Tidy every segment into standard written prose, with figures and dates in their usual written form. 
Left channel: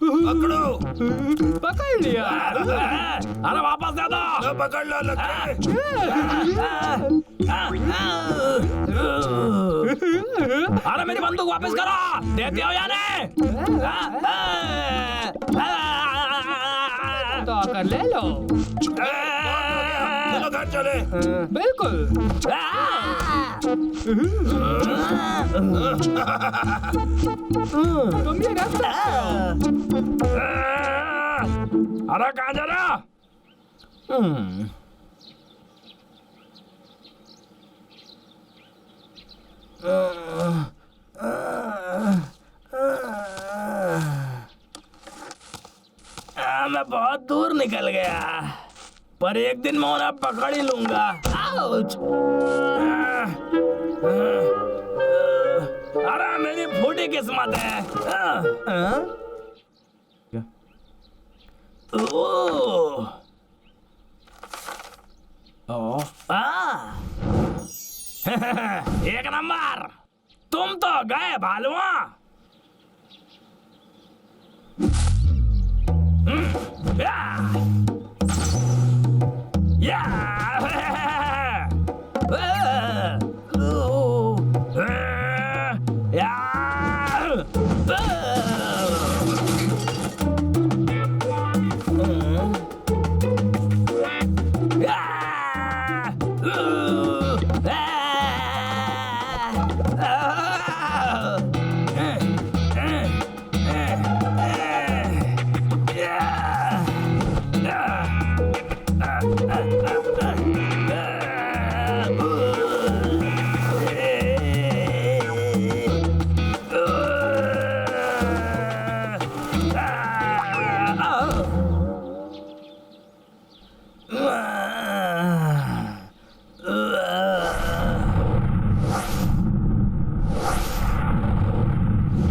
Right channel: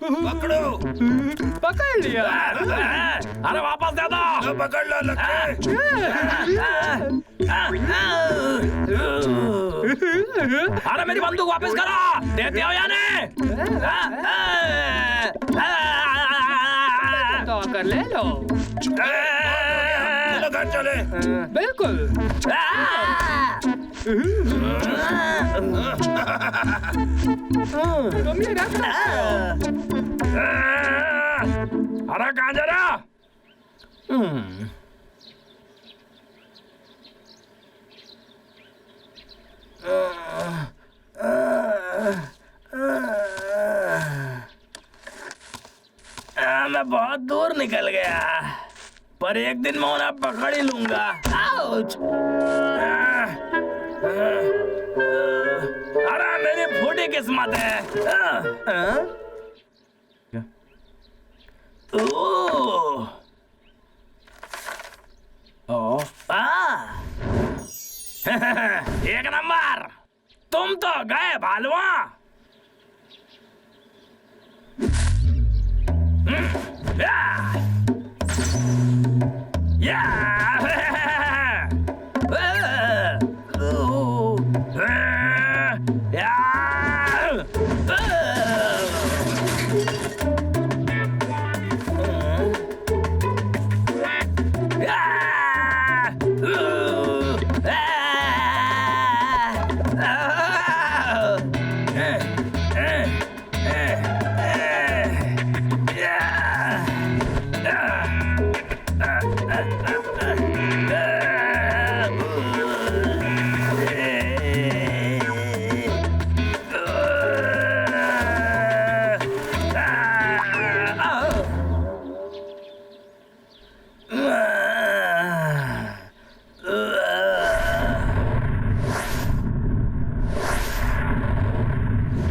पकड़ो। पकड़ लिया। अरे वापस दे दो। पकड़ लो लक्के। अरे मेरी बंदूक वापस करो। देते हो या नहीं? तो आकर ले लो। चलो घर चले। बिल्कुल। तुम ये रख सकते हो। अरे कहाँ जा रहा? मैं बहुत दूर निकल गया, पर एक दिन मैं उन्हें पकड़ ही लूंगा। आउच! अरे मेरी फूटी किस्मत है। एक नंबर। तुम तो गए भालुआ।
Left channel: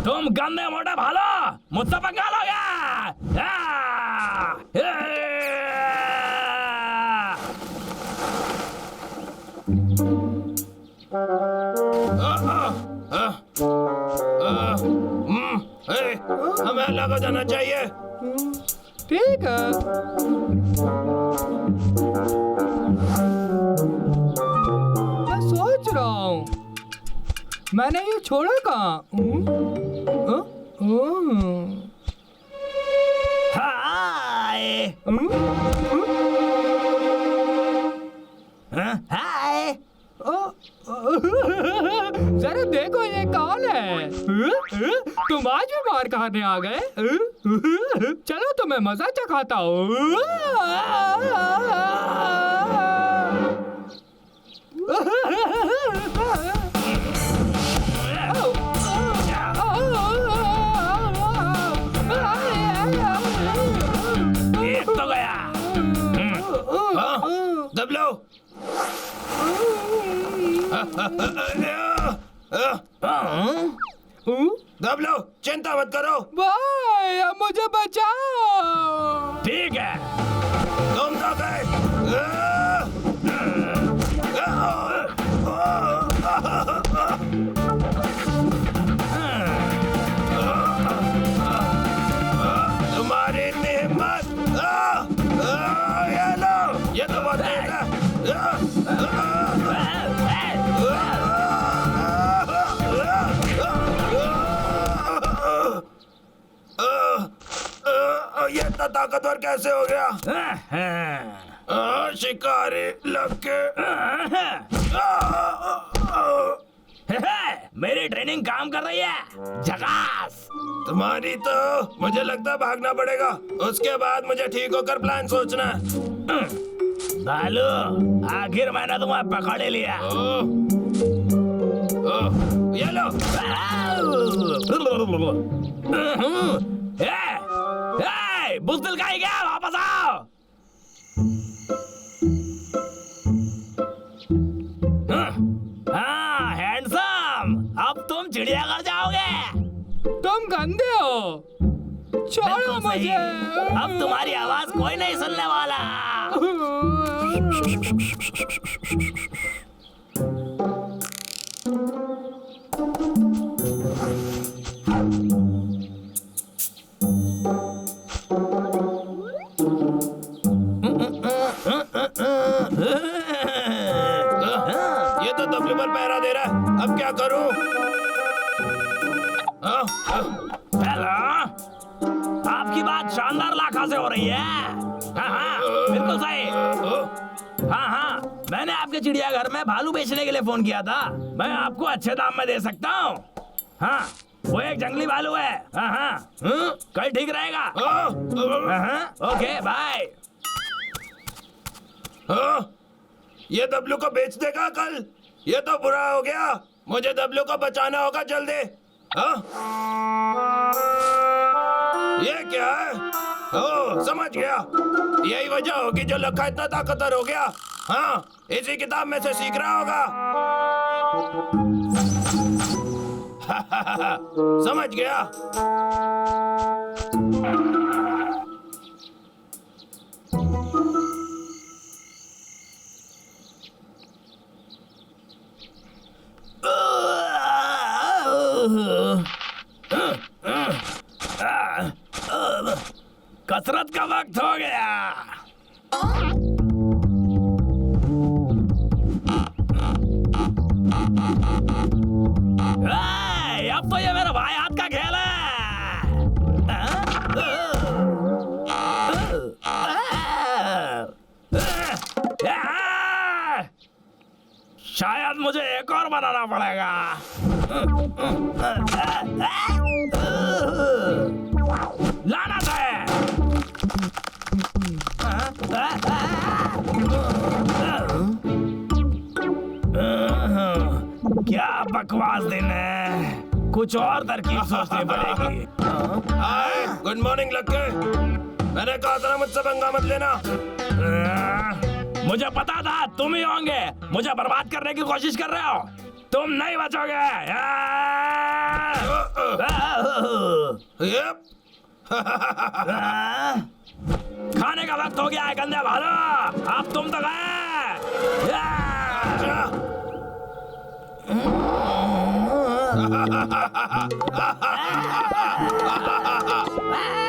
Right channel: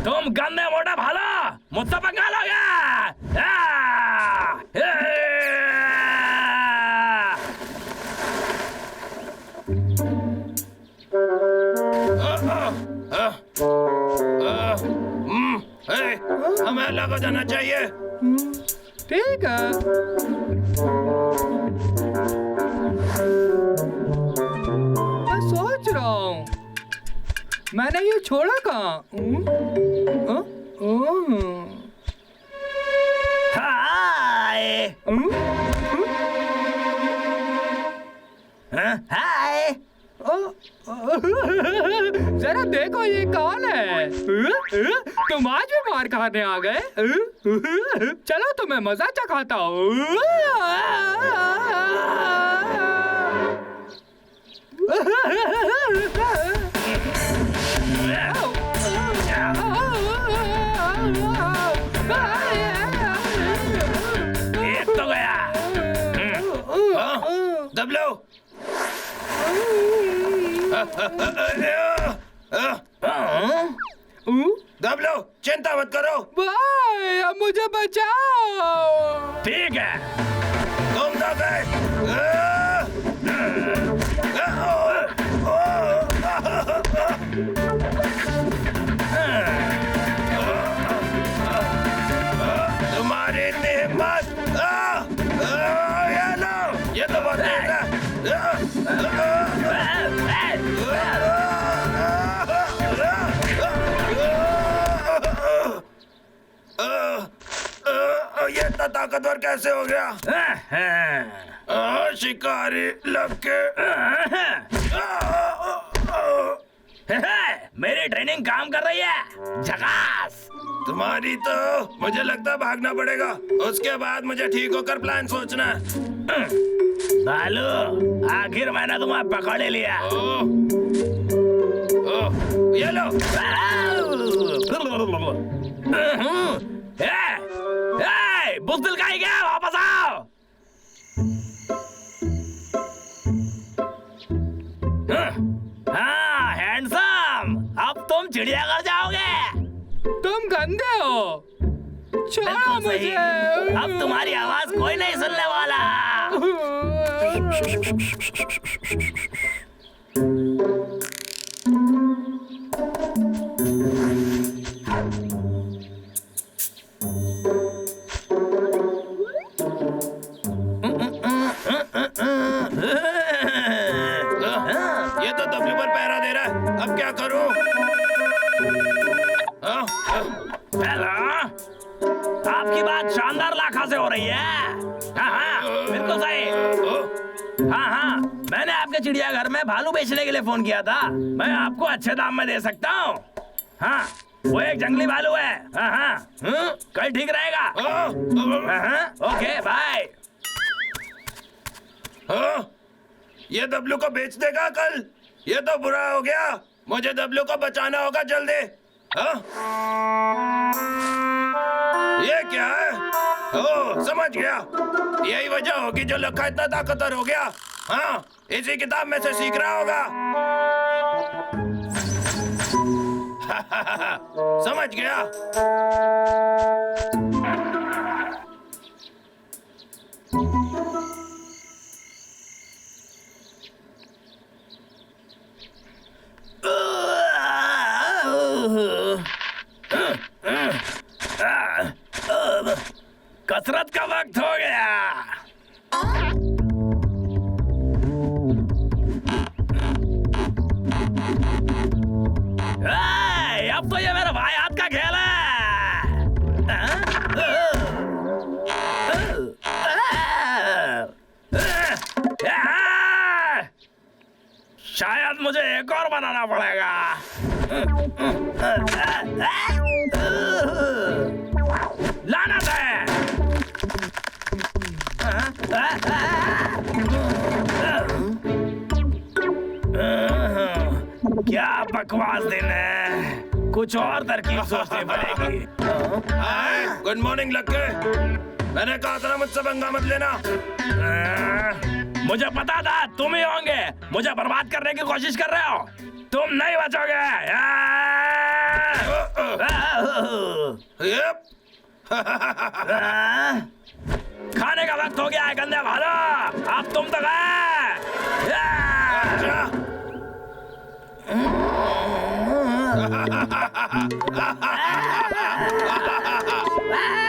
तुम गंदे मोटे भालो, मुझसे पंगा लोगे? हमें अलग हो जाना चाहिए। ठीक है। मैं सोच रहा हूँ मैंने ये छोड़ा कहाँ? हाय। हाय। जरा देखो ये कौन है? तुम आज भी मार खाने आ गए? चलो तुम्हें मजा चखाता हूँ। एक तो गया। दबलो। दबलो, चिंता मत करो। भाई अब मुझे बचाओ। ठीक है। तुम तो गए। तुम्हारी इतनी हिम्मत। ये लो, ये तो बहुत तेज है। ये इतना ताकतवर कैसे हो गया? शिकारी लगे। मेरी ट्रेनिंग काम कर रही है। झकास। तुम्हारी तो मुझे लगता है भागना पड़ेगा। उसके बाद मुझे ठीक होकर प्लान सोचना है। भालू, आखिर मैंने तुम्हें पकड़ ही लिया। ये लो। बुज़दिल कहीं गया? वापस आओ। हाँ हैंडसम, अब तुम चिड़ियाघर जाओगे। तुम गंदे हो, छोड़ो बिल्कुल सही। मुझे। अब तुम्हारी आवाज कोई नहीं सुनने वाला। हेलो, आपकी बात शानदार लाखा से हो रही है। हाँ, बिल्कुल सही। हाँ, मैंने आपके चिड़ियाघर में भालू बेचने के लिए फोन किया था। मैं आपको अच्छे दाम में दे सकता हूँ। हाँ, वो एक जंगली भालू है। कल ठीक रहेगा। Okay, bye. ये डब्लू को बेच देगा कल? ये तो बुरा हो गया। मुझे डब्लू को बचाना होगा जल्दी। ये क्या है? ओह, समझ गया। यही वजह होगी जो लखा इतना ताकतवर हो गया। हाँ, इसी किताब में से सीख रहा होगा। समझ गया। कसरत का वक्त हो गया। अब तो ये मेरे भाई हाथ का खेल है। शायद मुझे एक और बनाना पड़ेगा। लानत है। क्या बकवास दिन है। कुछ और तरकीब सोचनी पड़ेगी। हाय, गुड मॉर्निंग लक्के। मैंने कहा था ना मुझसे पंगा मत लेना। मुझे पता था तुम ही होंगे। मुझे बर्बाद करने की कोशिश कर रहे हो। तुम नहीं बचोगे। यप। खाने का वक्त हो गया है गंदे भालो। अब तुम तो गए।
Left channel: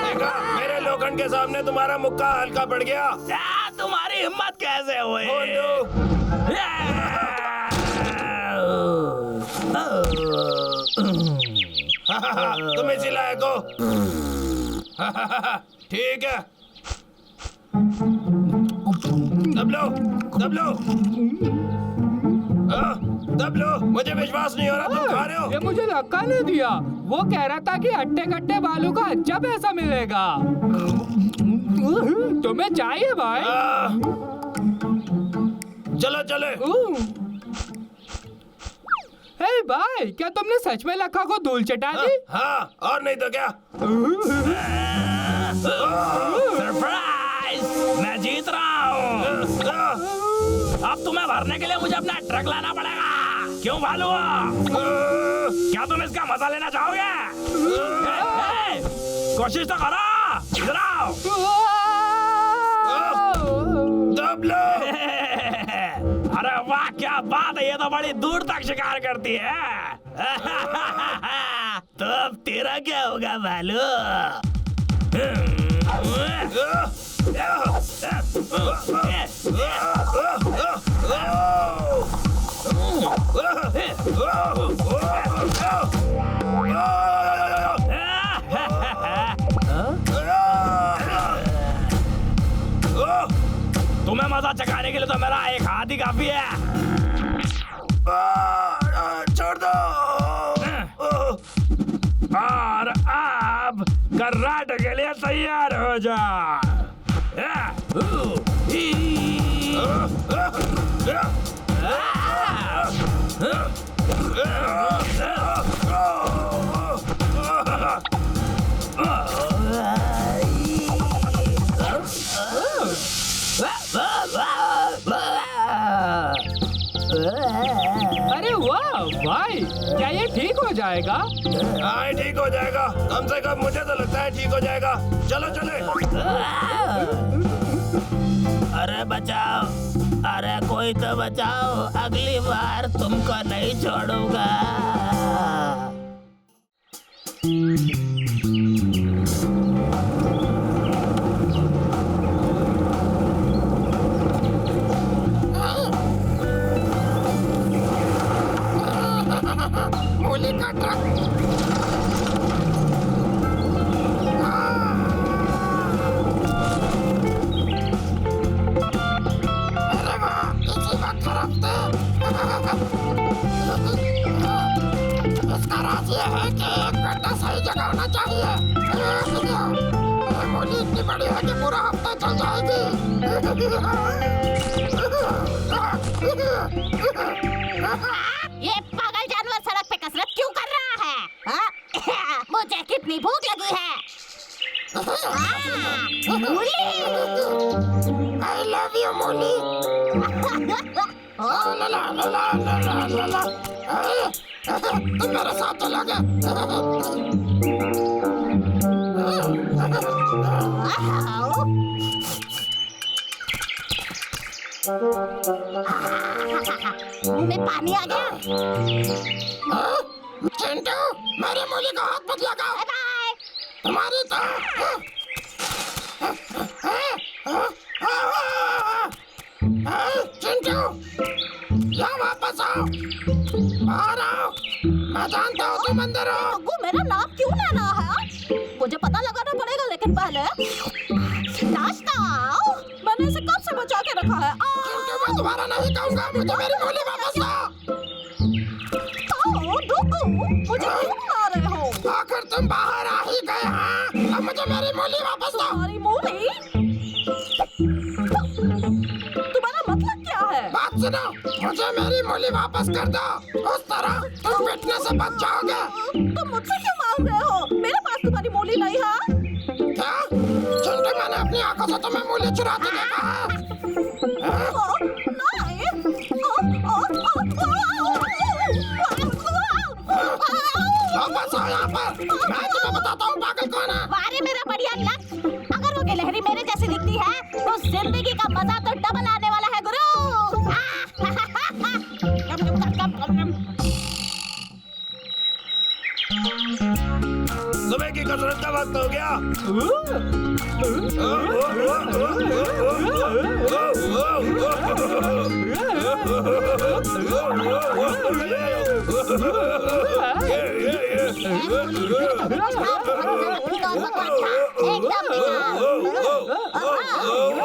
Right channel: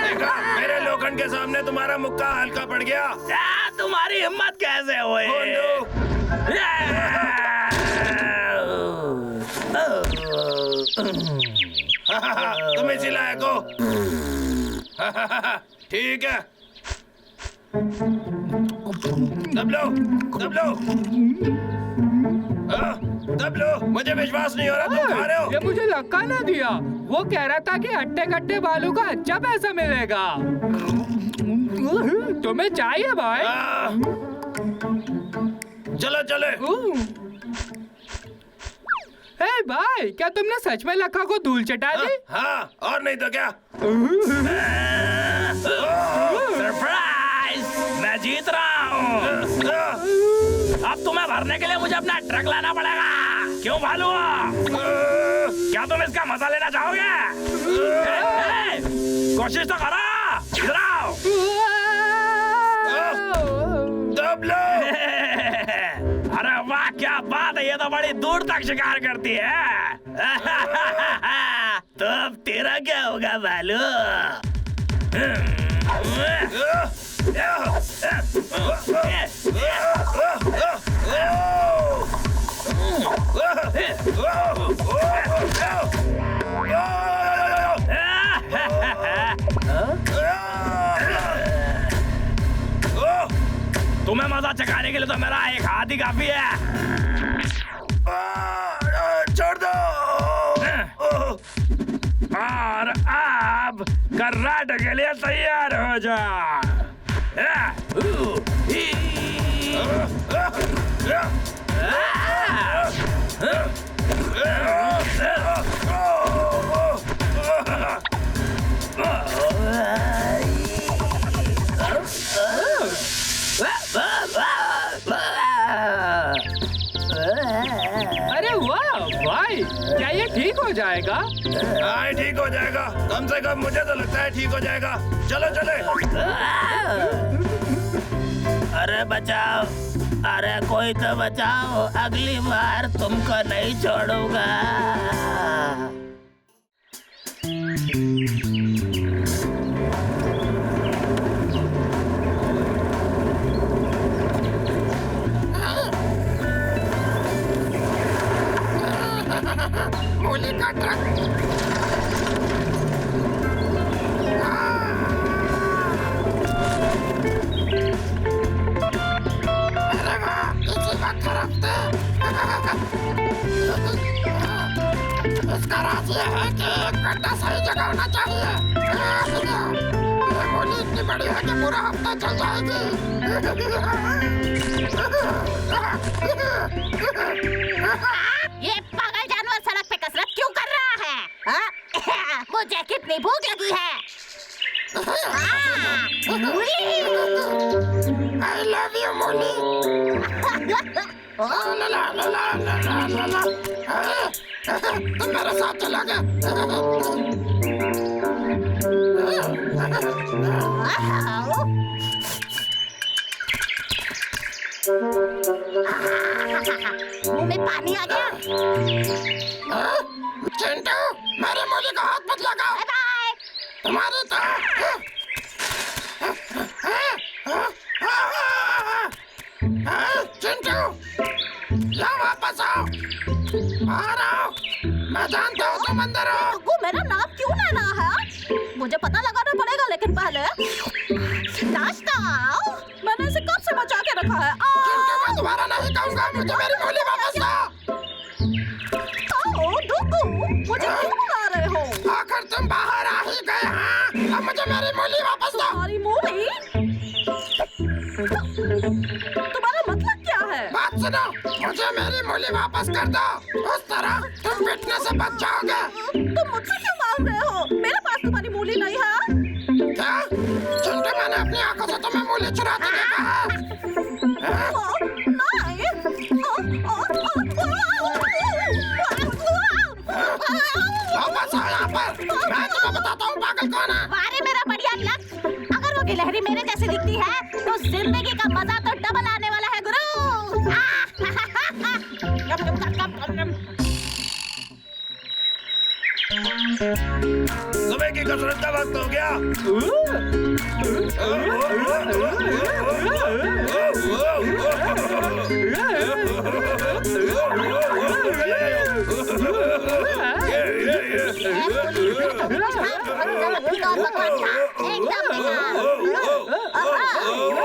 देखा, मेरे लोखंड के सामने तुम्हारा मुक्का हल्का पड़ गया। तुम्हारी हिम्मत कैसे हुई? तुम इसी लायक हो। ठीक है। दबलो, दबलो। दबलो, मुझे विश्वास नहीं हो रहा तुम खा रहे हो। ये मुझे लक्का ने दिया। वो कह रहा था कि हट्टे कट्टे भालू का अच्छा पैसा मिलेगा। तुम्हें चाहिए भाई? चलो चले। हे भाई, क्या तुमने सच में लक्का को धूल चटा दी? हाँ, और नहीं तो क्या। सरप्राइज! मैं जीत रहा हूँ। अब तुम्हें भरने के लिए मुझे अपना ट्रक लाना पड़ेगा। क्यों भालू? क्या तुम इसका मजा लेना चाहोगे? कोशिश तो करो। इधर आओ। दबलो। अरे वाह, क्या बात है। ये तो बड़ी दूर तक शिकार करती है। तो अब तेरा क्या होगा भालू? तुम्हें मजा चखाने के लिए तो मेरा एक हाथ ही काफी है। छोड़ दो। और अब कराटे के लिए तैयार हो जा। अरे वाह भाई, क्या ये ठीक हो जाएगा? हाँ, ठीक हो जाएगा। कम से कम मुझे तो लगता है ठीक हो जाएगा। चलो चले। अरे बचाओ, अरे कोई तो बचाओ। अगली बार तुमको नहीं छोड़ूंगा। मूली का ट्रक। ये है कि गड्ढा सही जगह होना चाहिए। ये मूली इतनी बड़ी है कि पूरा हफ्ता चल जाएगी। ये पागल जानवर सड़क पे कसरत क्यों कर रहा है? मुझे कितनी भूख लगी है। मूली। I love you, मूली। ला ला ला ला ला ला ला। तुम मेरे साथ चलोगे? मुंह में पानी आ गया। चिंटू, मेरे मूली को हाथ मत लगाओ। Bye bye. तुम्हारी तो चिंटू, यहाँ वापस आओ। बाहर आओ। मैं जानता हूँ तुम अंदर हो। गुग्गू, मेरा नाम क्यों लेना है? मुझे पता लगाना पड़ेगा, लेकिन पहले नाश्ता। मैंने इसे कब से बचा के रखा है। चिंटू, मैं दोबारा नहीं कहूँगा। मुझे मेरी मूली वापस दो। गुग्गू, मुझे क्यों बुला रहे हो? आखिर तुम बाहर आ ही गए। हाँ, अब मुझे मेरी मूली वापस दो। तुम्हारी मूली? तुम्हारा मतलब क्या है? बात सुनो, मुझे मेरी मूली वापस कर दो। उस तरह तुम पिटने से बच जाओगे। तुम मुझसे क्यों मांग रहे हो? मेरे पास तुम्हारी मूली नहीं है। क्या? चिंटू, मैंने अपनी आंखों से तुम्हें मूली चुराते देखा है। वापस आओ यहाँ पर। मैं तुम्हें बताता हूँ पागल कौन है। वारे मेरा बढ़िया लक। अगर वो गिलहरी मेरे जैसी दिखती है तो जिंदगी का मजा तो डबल आने वाला है गुरु। सुबह की कसरत का वक्त हो गया।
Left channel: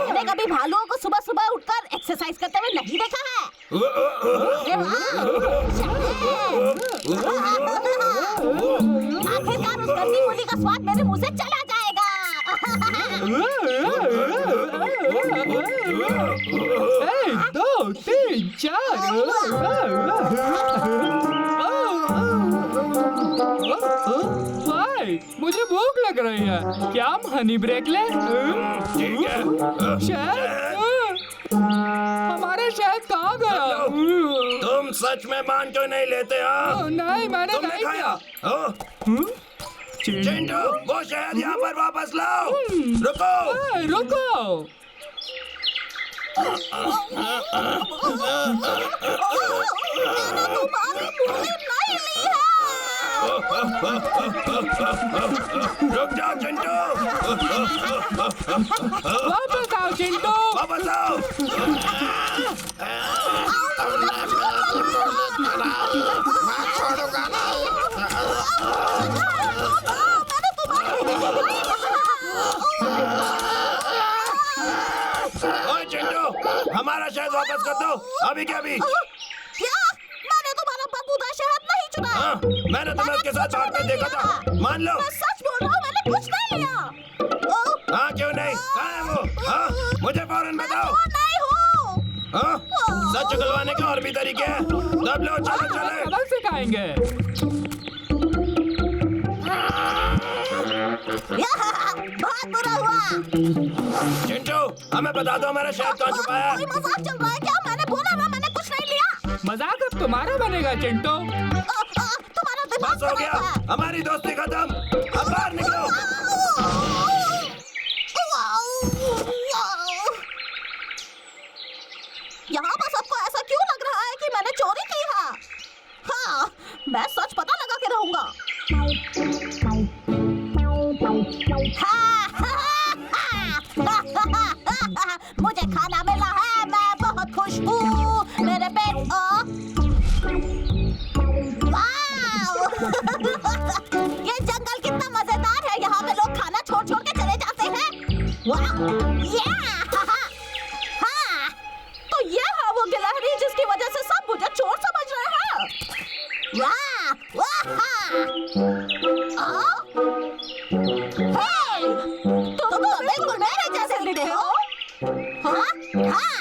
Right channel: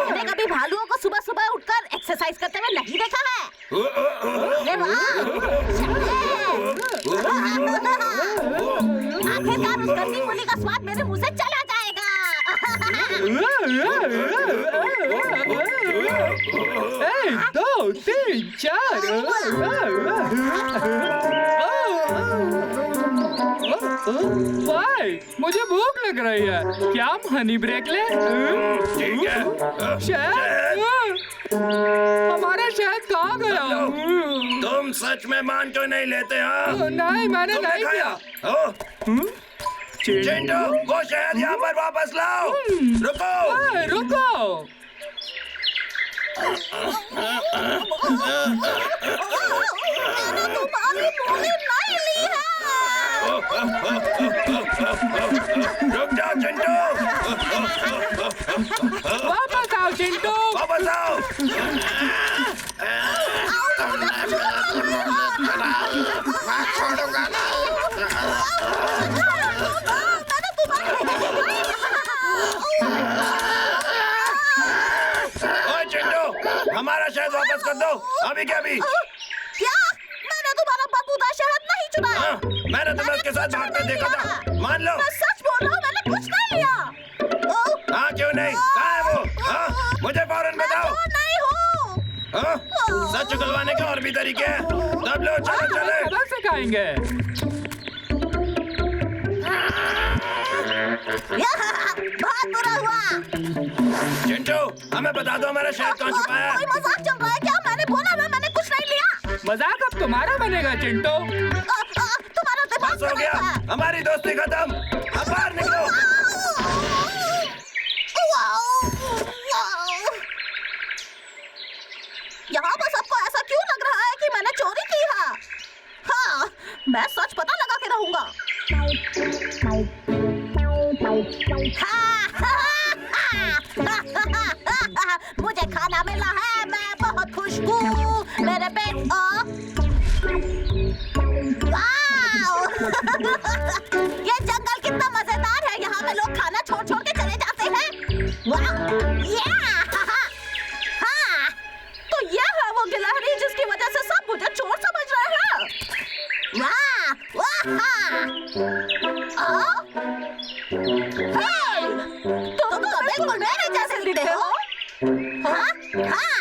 मैंने कभी भालुओं को सुबह सुबह उठकर एक्सरसाइज करते हुए नहीं देखा है। अरे वाह! आखिरकार उस गंदी मूली का स्वाद मेरे मुंह से चला जाएगा। 1 2 3 4। भाई, मुझे भूख लग रही है। क्या हम हनी ब्रेक लें? ठीक है। शहद? हमारा शहद कहाँ गया? तुम सच में मान क्यों नहीं लेते? हाँ, नहीं, मैंने तुमने नहीं खाया? किया। ओ, चिंटू, वो शहद यहाँ पर वापस लाओ। रुको। रुको। तुम्हारी मूली नहीं ली है। रुक जाओ चिंटू। वापस आओ चिंटू। वापस आओ। मैं छोड़ूंगा नहीं। ओए चिंटू, हमारा शहद वापस कर दो। अभी क्या अभी? क्या? मैंने तुम्हारा बदबूदार शहद नहीं चुराया। हाँ, मैंने तुम्हें उसके साथ भागते देखा था। मान लो। मैं सच बोल रहा हूँ, मैंने कुछ नहीं लिया। हाँ, क्यों नहीं? कहाँ है वो? हाँ, मुझे फौरन बताओ। मैं नहीं हूँ। हाँ, सच उगलवाने के और भी तरीके हैं। दब लो, चलो चले। सबक सिखाएंगे। बहुत बुरा हुआ। चिंटू, हमें बता दो हमारा शहद कहाँ छुपा है। कोई मजाक चल रहा है क्या? मैंने बोला ना, मैंने कुछ नहीं लिया। मजाक अब तुम्हारा बनेगा चिंटू। तुम्हारा दिमाग बस हो गया, हमारी दोस्ती खत्म। अब बाहर निकलो। यहाँ पर सबको ऐसा क्यों लग रहा है कि मैंने चोरी की है? हाँ, मैं सच पता लगा के रहूंगा। मुझे खाना मिला है, मैं बहुत खुश हूँ। मेरे पेट ये जंगल कितना मजेदार है। यहाँ पे लोग खाना छोड़ छोड़ के चले जाते हैं। हाँ, तो ये है वो गिलहरी जिसकी वजह से सब मुझे चोर समझ रहे हैं। वाह! तुम तो बिल्कुल मेरे जैसे दिखते हो। हाँ? हाँ?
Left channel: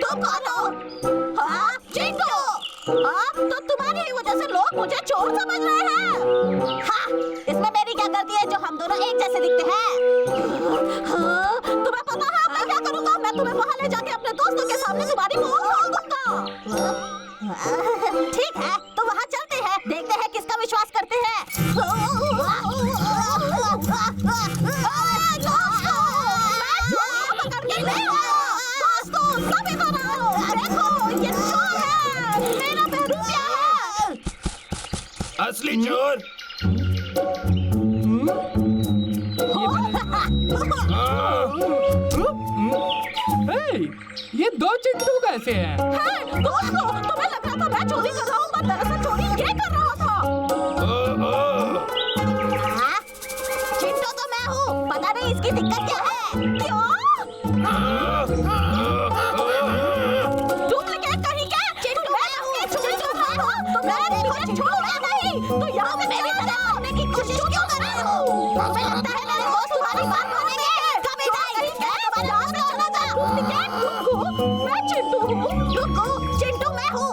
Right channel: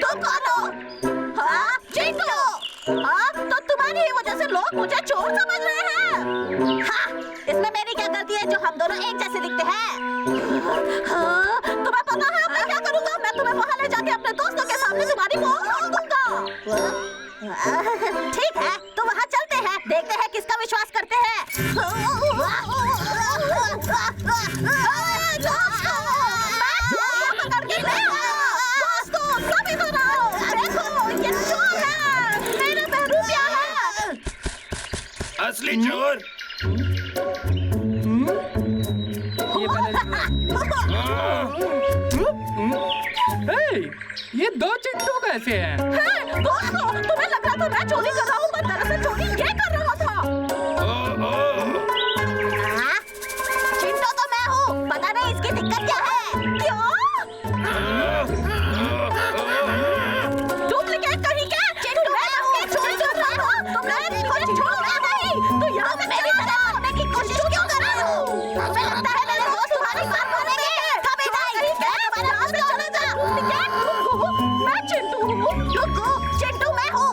तुम कौन हो? हाँ? चिंटू। हाँ? तो तुम्हारी ही वजह से लोग मुझे चोर समझ रहे हैं। हाँ? इसमें मेरी क्या गलती है जो हम दोनों एक जैसे दिखते हैं? हाँ? तुम्हें पता है मैं क्या करूँगा? मैं तुम्हें वहाँ ले जाके अपने दोस्तों के सामने तुम्हारी मुंह खोल दूंगा। ठीक है, तो वहाँ चलते हैं, देखते हैं किसका विश्वास करते हैं। असली चोर। ये दो चिंटू कैसे हैं? दोस्तों, तुम्हें लग रहा था मैं चोरी कर रहा हूँ, पर दरअसल चोरी ये कर रहा था। चिंटू तो मैं हूँ, पता नहीं इसकी दिक्कत क्या है। क्यों? डुप्लीकेट कहीं क्या? चिंटू मैं चोरी कर रहा था, तो मैं कुछ छोड़ा नहीं। तो यहाँ से मेरी तरह करने की कोशिश क्यों कर रहे हो? मुझे लगता है मेरे दोस्त तुम्हारी बात मानेंगे। कभी नहीं, मैं तुम्हारे राह से चला जा। डुप्लीकेट डुग्गू, मैं चिंटू हूँ। डुग्गू, चिंटू मैं हूँ।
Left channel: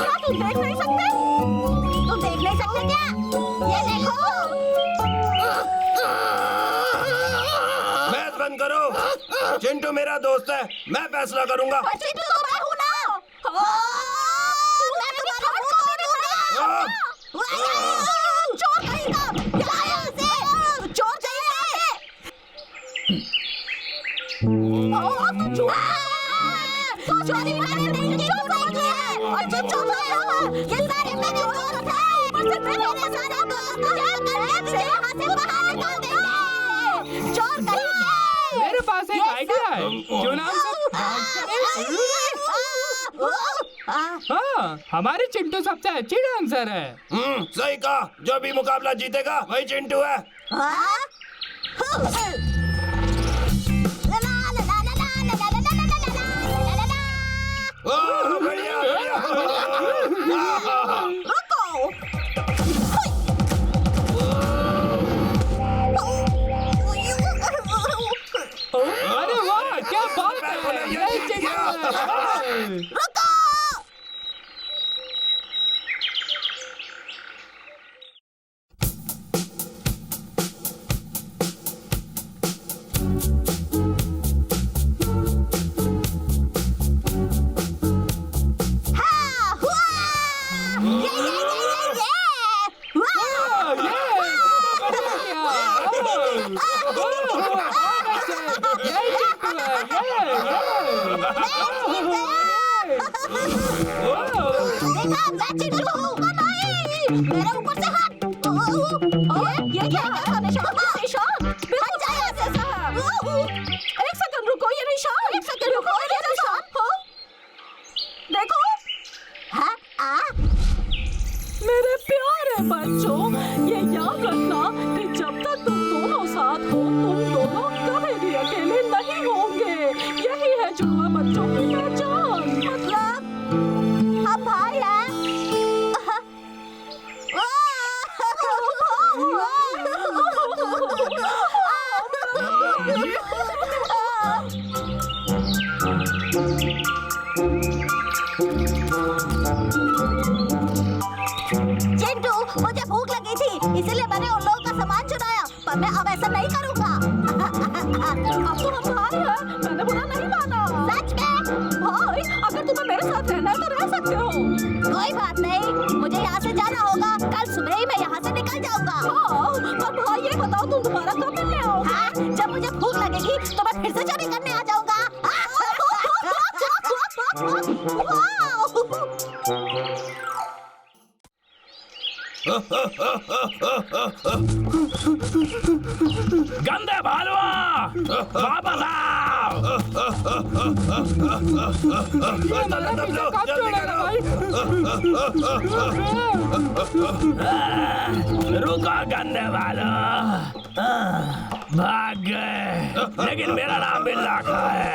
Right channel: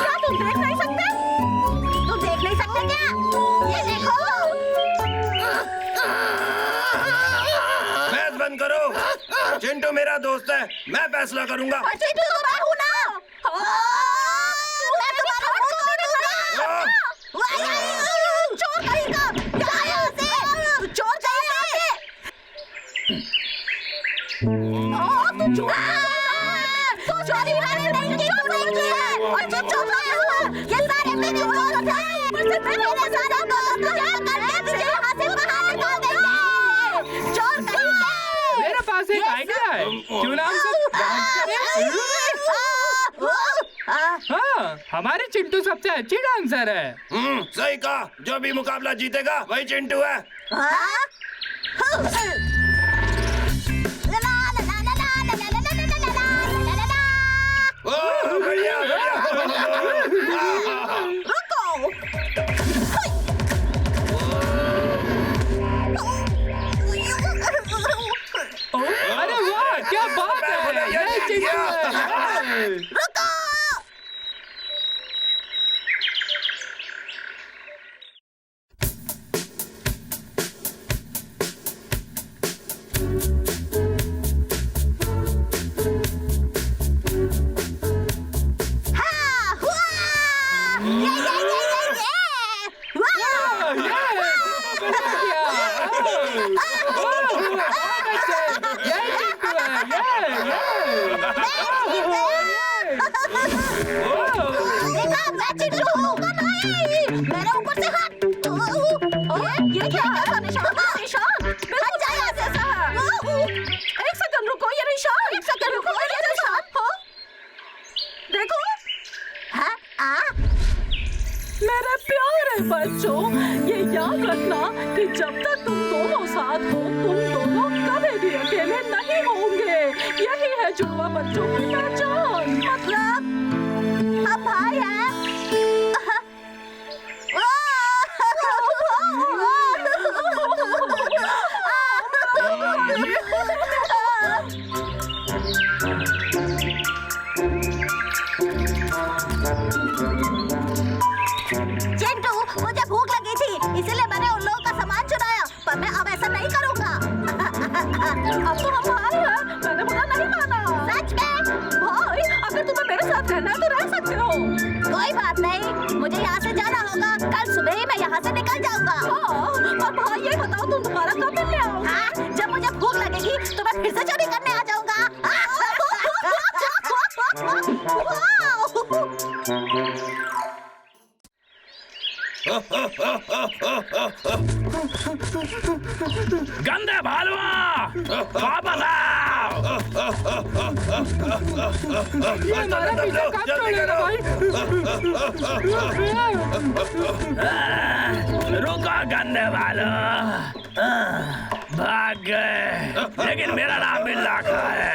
क्या तुम देख नहीं सकते? तुम देख नहीं सकते क्या? ये देखो। बहस बंद करो। चिंटू मेरा दोस्त है, मैं फैसला करूंगा। पर चिंटू तो मैं हूँ ना। मैं तुम्हारा मुंह तोड़ूंगा। चोर कहीं का, यहाँ से। चोर चाहिए। तू चोर तो चोरी मैंने नहीं की, तो नहीं की है। और जो चोर लाया हुआ, ये सारे मेरे चोर हैं। ऊपर से मेरे सारा दोस्त मुझे करके तुझे यहाँ से बाहर निकाल देंगे। चोर कहीं का। मेरे पास एक आइडिया है, क्यों ना हम सब डांस करें? हाँ, हमारे चिंटू सबसे अच्छी डांसर है। सही कहा। जो भी मुकाबला जीतेगा वही चिंटू है। ओह, बढ़िया बढ़िया। रुको। अरे वाह, क्या बात है, यही चिंटू है। रुको। हाँ, हुआ। ये। वाह। बढ़िया किया। यही चिंटू है, देखा, मैं चिंटू हूँ। नहीं, मेरे ऊपर से हाथ। ये क्या है? निशान, बिल्कुल जैसा है। एक सेकंड रुको, ये निशान। एक सेकंड रुको, ये निशान। देखो। हाँ, मेरे प्यारे बच्चों, ये याद रखना कि जब तक तुम दोनों साथ हो, तुम दोनों कभी भी अकेले नहीं होंगे। यही है जुड़वा बच्चों की पहचान। मतलब हम भाई हैं। चिंटू, मुझे भूख लगी थी, इसीलिए मैंने उन लोगों का सामान चुराया, पर मैं अब ऐसा नहीं करूँगा। अब तो हम भाई हैं, मैंने बुरा नहीं माना। सच में? भाई, अगर तुम्हें मेरे साथ रहना है तो रह सकते हो। कोई बात नहीं, मुझे यहाँ से जाना होगा। कल सुबह ही मैं यहाँ से निकल जाऊँगा। हाँ, पर भाई ये बताओ तुम दोबारा कब मिलने आओगे? हाँ, जब मुझे भूख लगेगी तो मैं फिर से चोरी करने आ जाऊँगा। गंदे भालुआ, वापस आओ। ये हमारा पीछा कब छोड़ेगा भाई? रुको गंदे भालू, भाग गए, लेकिन मेरा नाम बिल्ला खा है।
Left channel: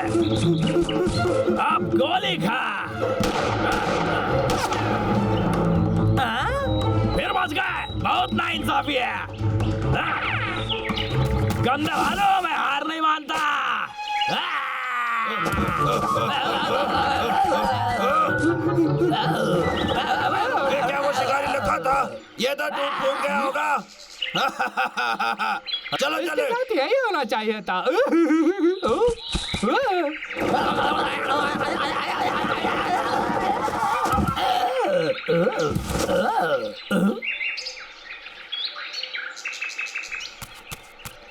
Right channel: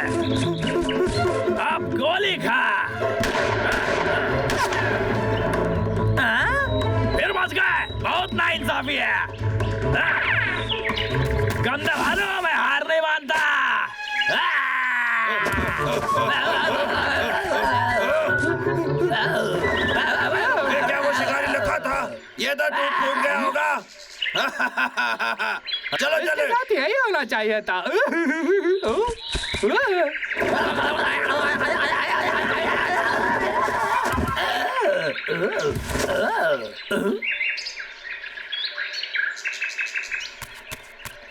अब गोली खा। नाइंसाफी है। हाँ? गंदे भालू, मैं हार नहीं मानता। ये क्या वो शिकारी लखा था? ये तो टूट गया होगा। चलो इसके चले। साथ यही होना चाहिए था।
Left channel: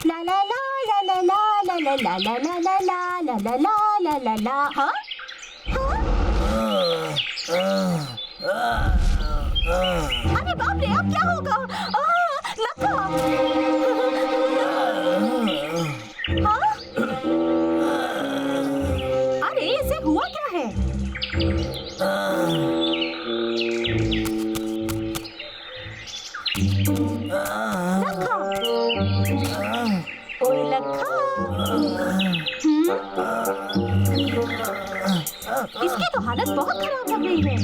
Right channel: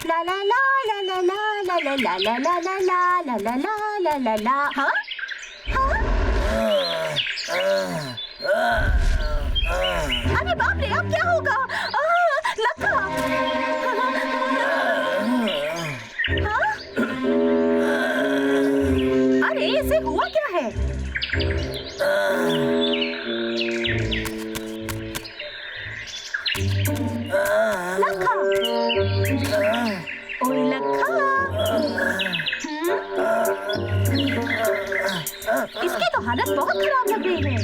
ला ला ला ला ला ला ला ला ला ला ला ला ला ला ला ला ला ला ला। हाँ अरे बाप रे, अब क्या होगा? लक्का। हाँ? अरे इसे हुआ क्या है? लक्का। ओए लक्का। इसकी तो हालत बहुत खराब लग रही है।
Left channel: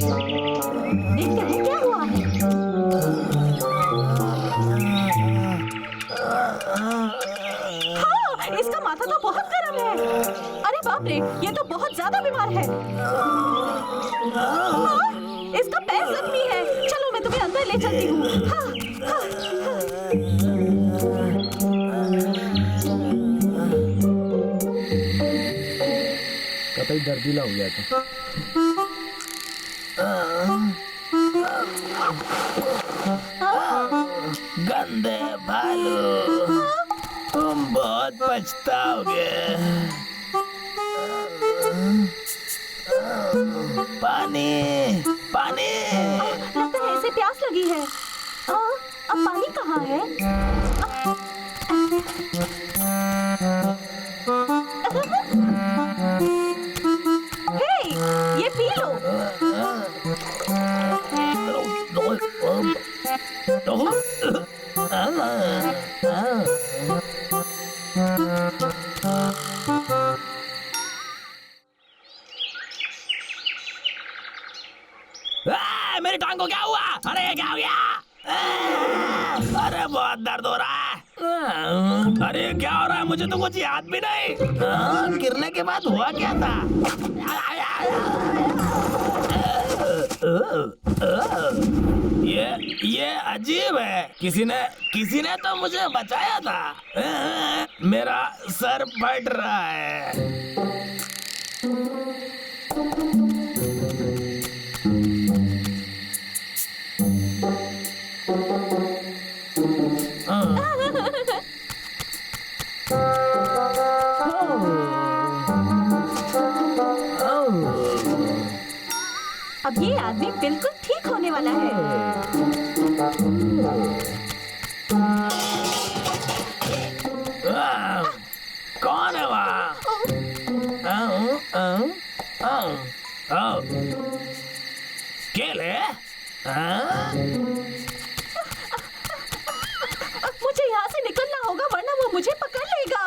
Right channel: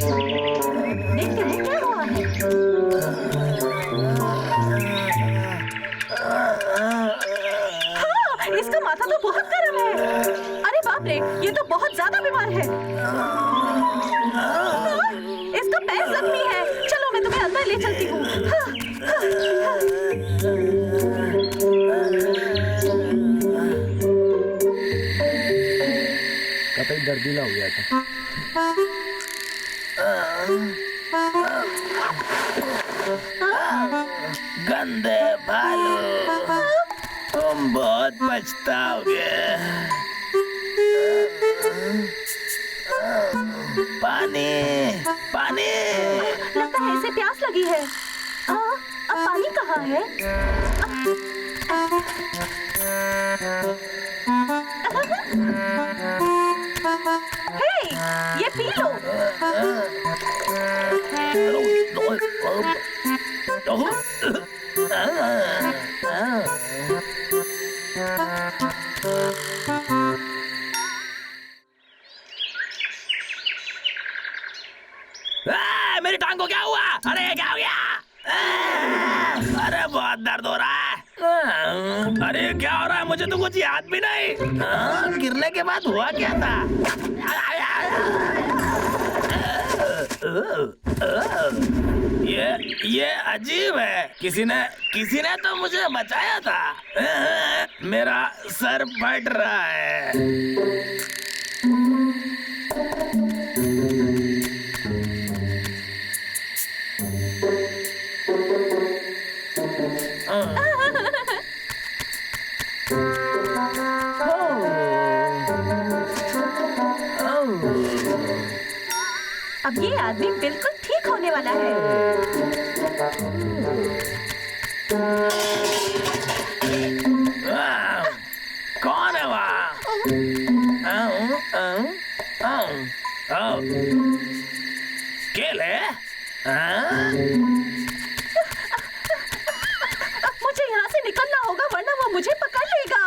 देखते हैं क्या हुआ है। हाँ, इसका माथा तो बहुत गर्म है। अरे बाप रे, ये तो बहुत ज्यादा बीमार है। हाँ, इसका पैर जख्मी है। चलो मैं तुम्हें अंदर ले चलती हूँ। हाँ, हाँ, हाँ। कतई दर्दीला हो गया था। गंदे भालू, तुम बहुत पछताओगे। पानी, पानी। लगता है इसे प्यास लगी है। अब पानी कहाँ है? हे, ये पी लो। मेरी टांग को क्या हुआ? अरे ये क्या हो गया? अरे बहुत दर्द हो रहा है। अरे क्या हो रहा है? मुझे तो कुछ याद भी नहीं। गिरने के बाद हुआ क्या था? ये अजीब है। किसी ने तो मुझे बचाया था। मेरा सर फट रहा है। अब ये आदमी बिल्कुल ठीक होने वाला है। कौन है वहाँ? केले? मुझे यहाँ से निकलना होगा वरना वो मुझे पकड़ लेगा।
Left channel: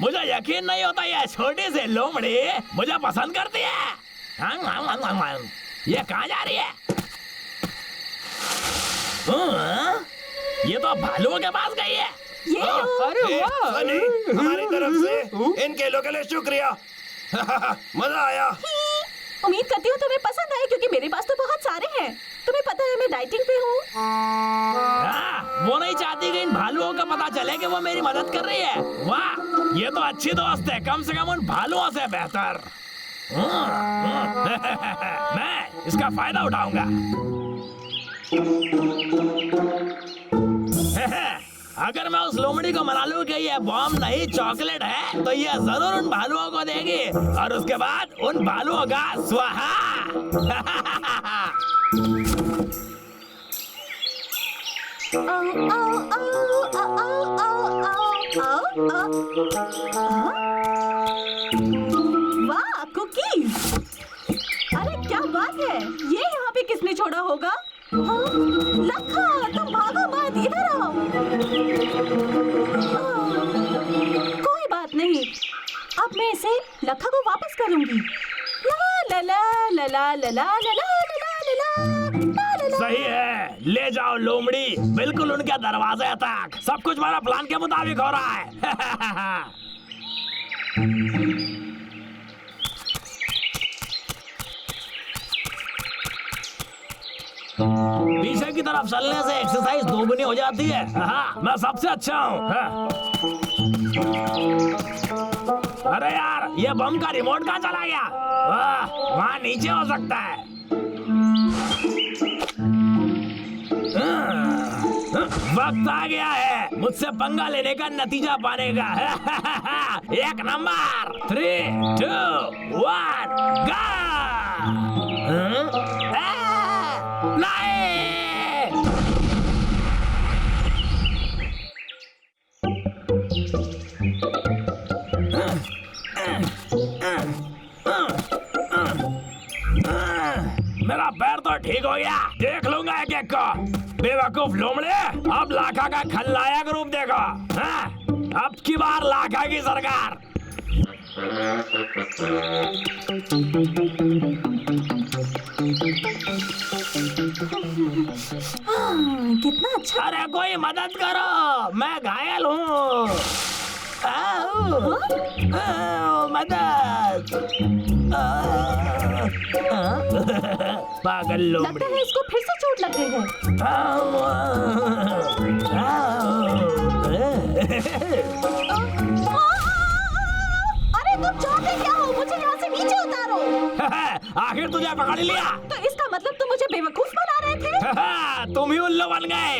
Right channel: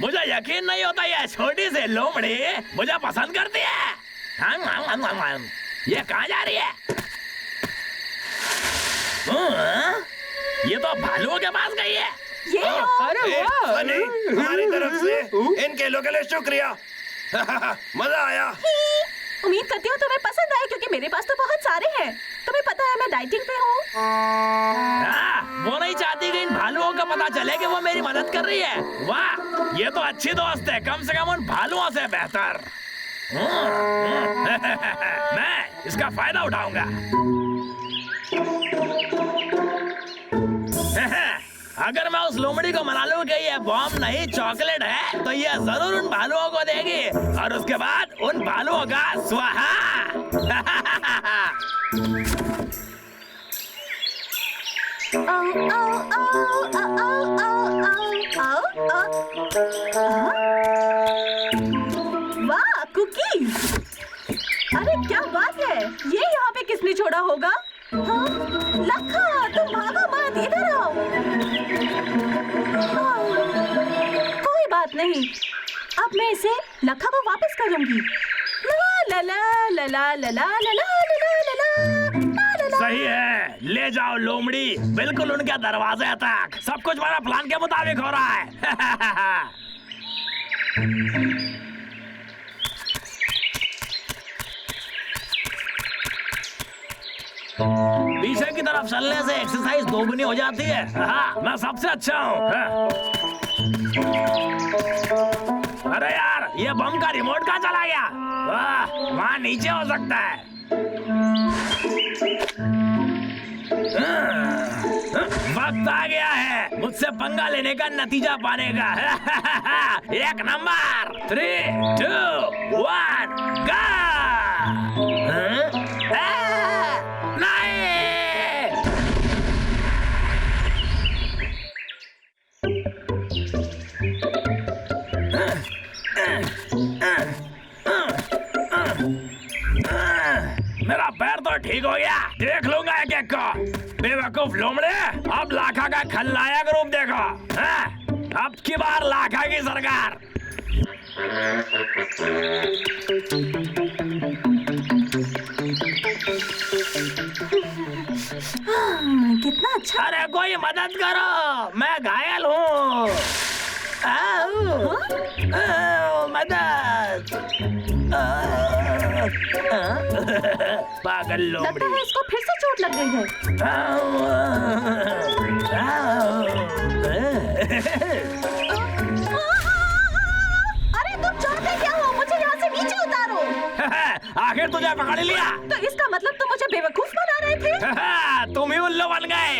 मुझे यकीन नहीं होता ये छोटी सी लोमड़ी मुझे पसंद करती है। ये कहाँ जा रही है? ये तो भालुओं के पास गई है। ये लो। अरे वाह! सनी, हमारी तरफ से इन केलों के लिए शुक्रिया। मजा आया। उम्मीद करती हूँ तुम्हें पसंद आए क्योंकि मेरे पास तो बहुत सारे हैं। तुम्हें पता है मैं डाइटिंग पे हूँ। वो नहीं चाहती कि इन भालुओं का पता चले कि वो मेरी मदद कर रही है। वाह, ये तो अच्छी दोस्त है, कम से कम उन भालुओं से बेहतर। मैं इसका फायदा उठाऊंगा। अगर मैं उस लोमड़ी को मना लूं कि ये बॉम्ब नहीं चॉकलेट है, तो ये जरूर उन भालुओं को देगी और उसके बाद उन भालुओं का स्वाहा। वाह, कुकीज! अरे क्या बात है, ये यहाँ पे किसने छोड़ा होगा? हाँ? लखा, तुम भागो मत, इधर आओ। कोई बात नहीं, अब मैं इसे लखा को वापस करूंगी। ला ला ला ला ला ला ला ला ला ला ला। सही है, ले जाओ लोमड़ी बिल्कुल उनके दरवाजे तक। सब कुछ मेरा प्लान के मुताबिक हो रहा है। पीछे की तरफ चलने से एक्सरसाइज दोगुनी हो जाती है। हाँ, मैं सबसे अच्छा हूँ। हाँ। अरे यार, ये बम का रिमोट कहाँ चला गया? वाह, वहाँ नीचे हो सकता है। वक्त आ गया है मुझसे पंगा लेने का, नतीजा पाने का। एक नंबर 3, 2, 1 गो। मेरा पैर तो ठीक हो गया, देख लूंगा एक एक को। बेवकूफ लोमड़े, अब लाखा का खलनायक रूप देखो। हाँ? अब की बार लाखा की सरकार। कितना अच्छा। अरे कोई मदद करो, मैं घायल हूँ। मदद। पागल लोमड़ी। लगता है इसको फिर से चोट लग गई है। अरे तुम चाहते क्या हो? मुझे यहाँ से नीचे उतारो। आखिर तुझे पकड़ लिया। तो इसका मतलब तुम मुझे बेवकूफ बना रहे थे। तुम ही उल्लू बन गए।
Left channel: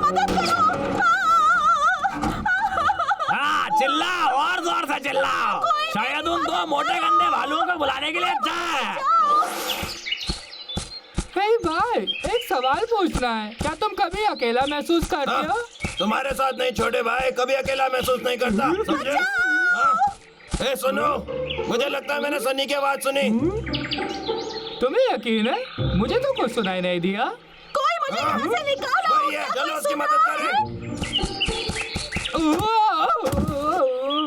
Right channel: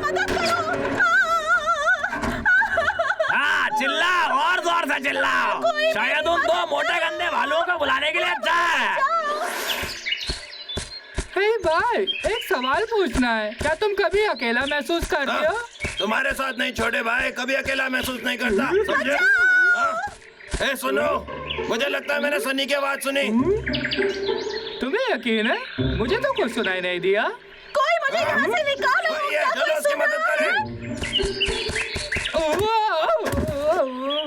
मदद करो। हाँ, चिल्लाओ और जोर से चिल्लाओ। शायद उन दो मोटे गंदे भालुओं को बुलाने के लिए अच्छा है। हे भाई, एक सवाल पूछना है। क्या तुम कभी अकेला महसूस करते हो? तुम्हारे साथ नहीं छोटे भाई, कभी अकेला महसूस नहीं करता, समझे? हाँ? सुनो, मुझे लगता है मैंने सनी की आवाज सुनी। तुम्हें यकीन है? मुझे तो कुछ सुनाई नहीं दिया। कोई मुझे यहाँ से निकालो। वही है, चलो उसकी मदद करें।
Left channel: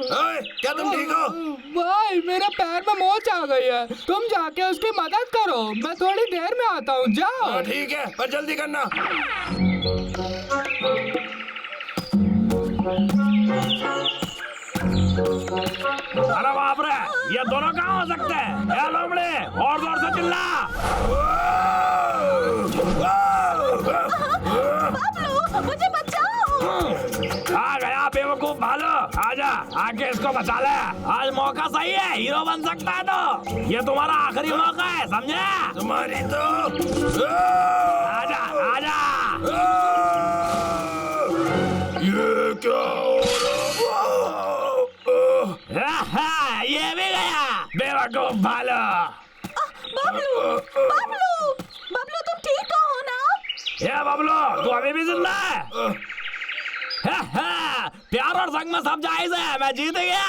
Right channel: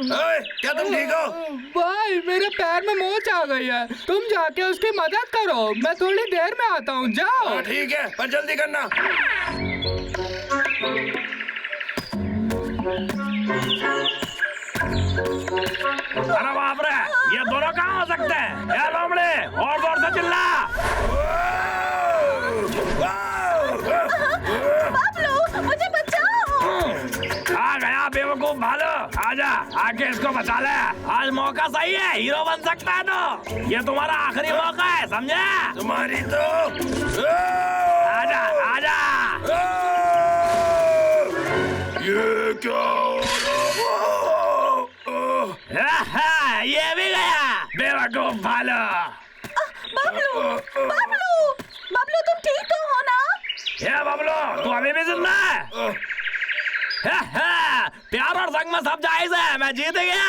ओए, क्या तुम ठीक हो? भाई, मेरे पैर में मोच आ गई है। तुम जाके उसकी मदद करो, मैं थोड़ी देर में आता हूँ। जाओ। ठीक है, पर जल्दी करना। अरे बाप रे, ये दोनों कहाँ हो सकते हैं? ए लोमड़े, और जोर से चिल्ला। बाबलू, मुझे बचाओ। आ गया बेवकूफ भालू, आजा, आके इसको बचा ले। आज मौका सही है, हीरो बन सकता है तो। ये तुम्हारा आखिरी मौका है, समझे? तुम्हारी तो आजा, आजा। ये क्या हो रहा? ये भी गया, बेवकूफ भालू। बाबलू, बाबलू, बाबलू, तुम ठीक तो हो ना? ये बबलू, तू अभी भी जिंदा है? प्यार और संग में सब जायज है, मैं जीत गया।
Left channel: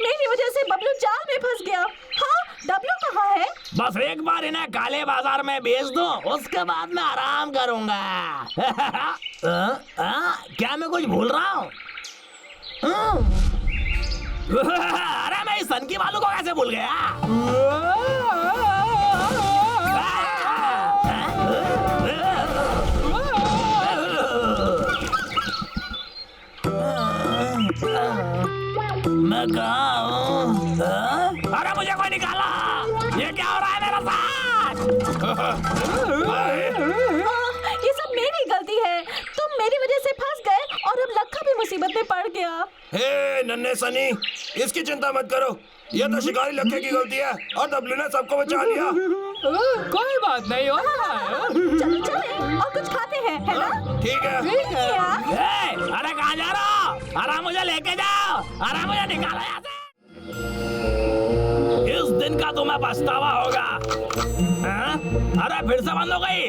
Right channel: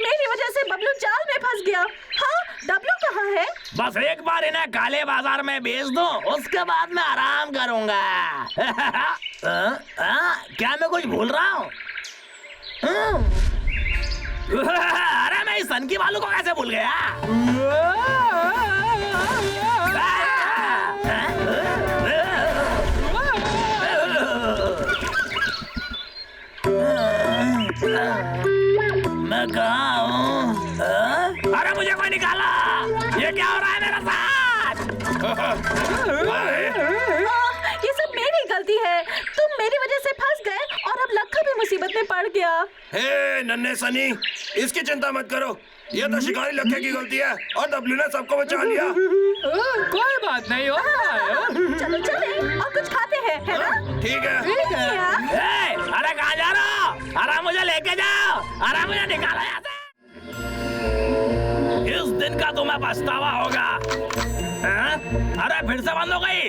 मेरी वजह से बबलू जाल में फंस गया। हाँ, डब्लू कहाँ है? बस एक बार इन्हें काले बाजार में बेच दो, उसके बाद मैं आराम करूंगा। क्या मैं कुछ भूल रहा हूँ? अरे मैं इस सन की बालू को कैसे भूल गया? मैं कहाँ हूँ? अरे मुझे कोई निकाला। ये क्या हो रहा है मेरे साथ? ये सब मेरी गलती है। तुम मेरी वजह से फंस गए और अब लक्का भी मुसीबत में पड़ गया। हे नन्हे सनी, इसकी चिंता मत करो। ये तो शिकारी लक्के की गलती है और डब्लू ने सबको बचा लिया। कोई बात नहीं होता है। चलो चले और कुछ खाते हैं, है ना? ठीक है। ठीक है। अरे कहाँ जा रहा हो? अरे मुझे लेके जाओ, अरे मुझे निकालो यहाँ से। इस दिन का तुम्हें पछतावा होगा। अरे फिर से बंद हो गई।